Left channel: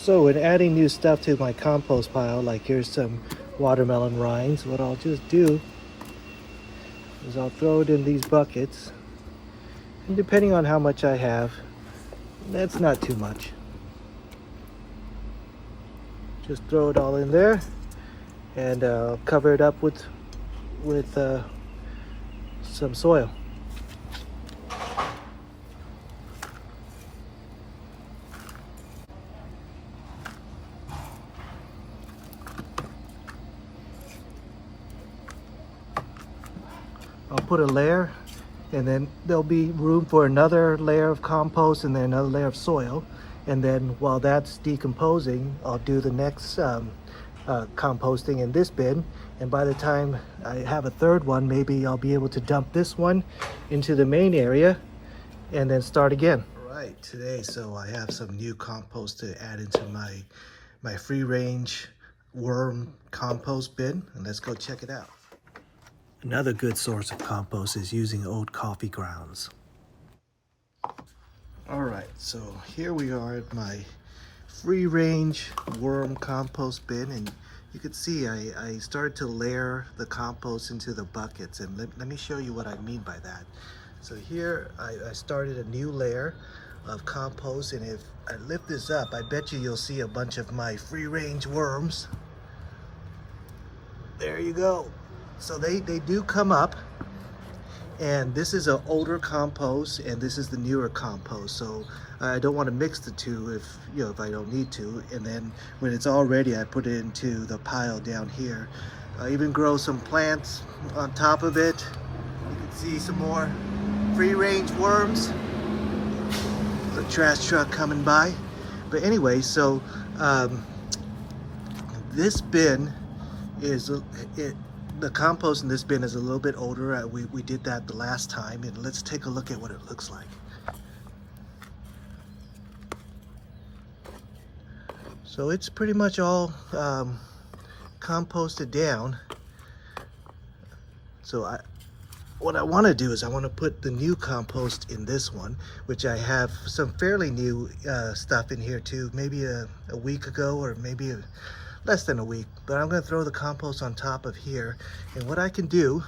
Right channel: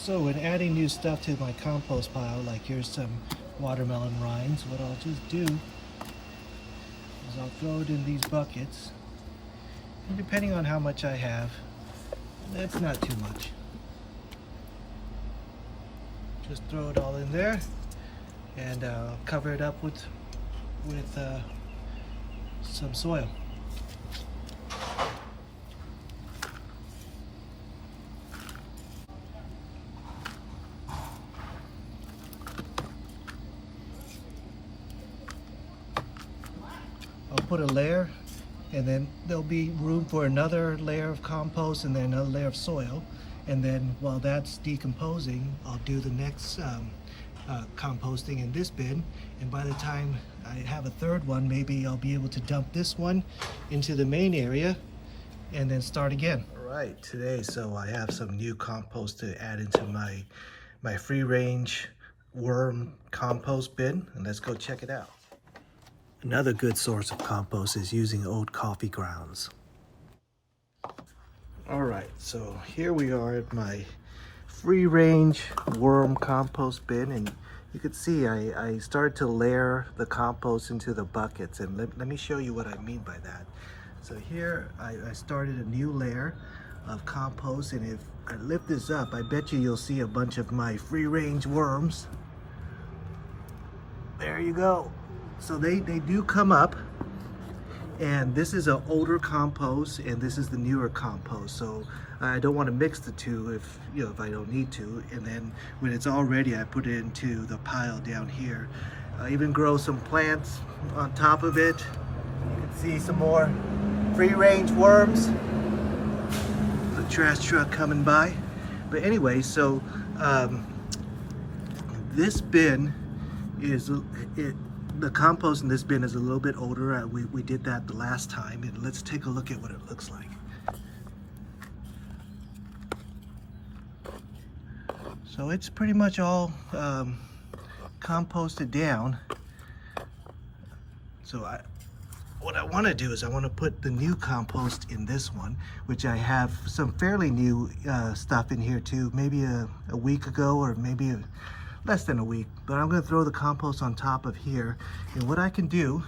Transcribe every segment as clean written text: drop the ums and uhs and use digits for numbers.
So in adding new stuff to my compost pile, like here's some watermelon rinds, what I'll just do is I'll throw it in these buckets. And depending on how much I have, that's not too much. Just throw it all in there and cover it up with some soil. I'll put a layer, and then there'll be room for another layer of compost and then another layer of soil. And then while that's decomposing, I'll do the next composting in this bin. And by the time I have a third one, maybe I'll be able to dump this one into the main area and then start again. All right, today, so I have some new compost to add into my free range worm compost bin, and let's go check it out. Another good source of compost is using old coffee grounds. All right, so here we are at my free range worm compost bin, and you can see I started to layer the compost into the buckets, and let me show you what I mean by that. So here I started a new layer of compost, and if I lift this up, I bet you'll see a bunch of my free range worms. There you go. So they do come up, and this is an older compost and this is the newer compost. So I don't want to mix the two if I don't need to. And then when it's all ready, I put it into the pile down here. I even grow some plants on top of it. You can see some more free range worms. The trash truck coming by. But anyway, so this bin is the compost in this bin is a little bit older. We did that the last time, and let's take a look at what it looks like. So it's pretty much all composted down. So what I want to do is I want to put the new compost in this one, which I have some fairly new stuff in here too, maybe a week ago or maybe less than a week, but I'm going to throw the compost on top of here. And what I can do,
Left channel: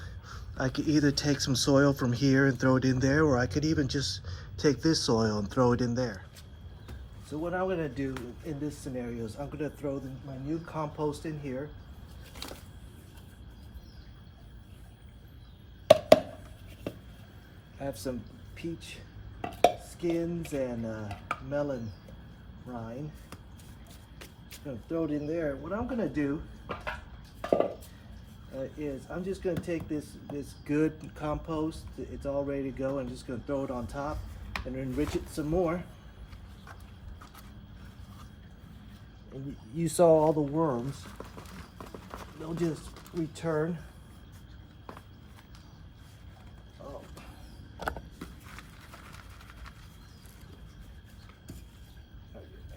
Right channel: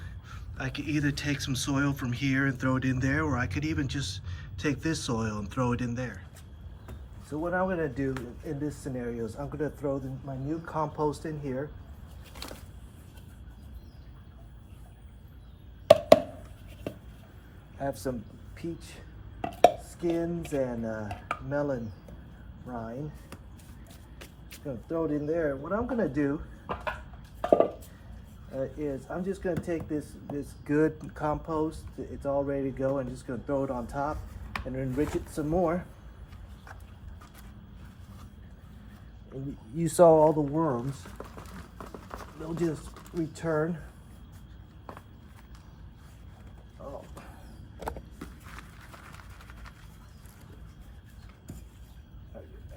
I could either take some soil from here and throw it in there, or I could even just take this soil and throw it in there. So what I'm going to do in this scenario is I'm going to throw my new compost in here. I have some peach skins and melon rind. Gonna throw it in there. What I'm gonna do is I'm just gonna take this good compost, it's all ready to go, and just gonna throw it on top and enrich it some more. And you saw all the worms, they'll just return. Oh.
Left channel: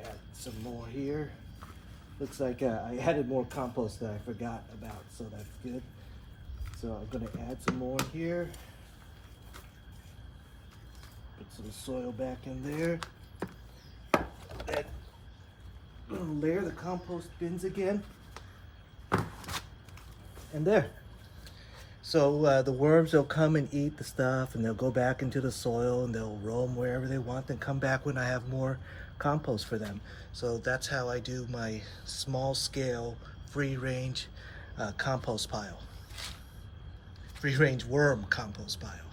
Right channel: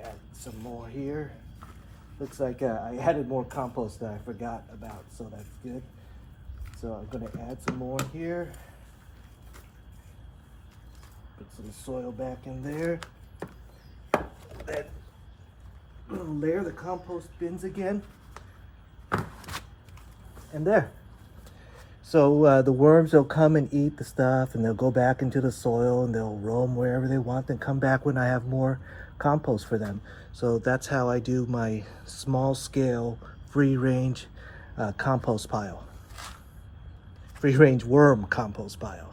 Add some more here. Looks like I added more compost that I forgot about, so that's good. So I'm going to add some more here. Put some soil back in there. Then layer the compost bins again. And there. So the worms will come and eat the stuff, and they'll go back into the soil, and they'll roam wherever they want, and come back when I have more compost for them. So that's how I do my small scale free range compost pile. Free range worm compost pile.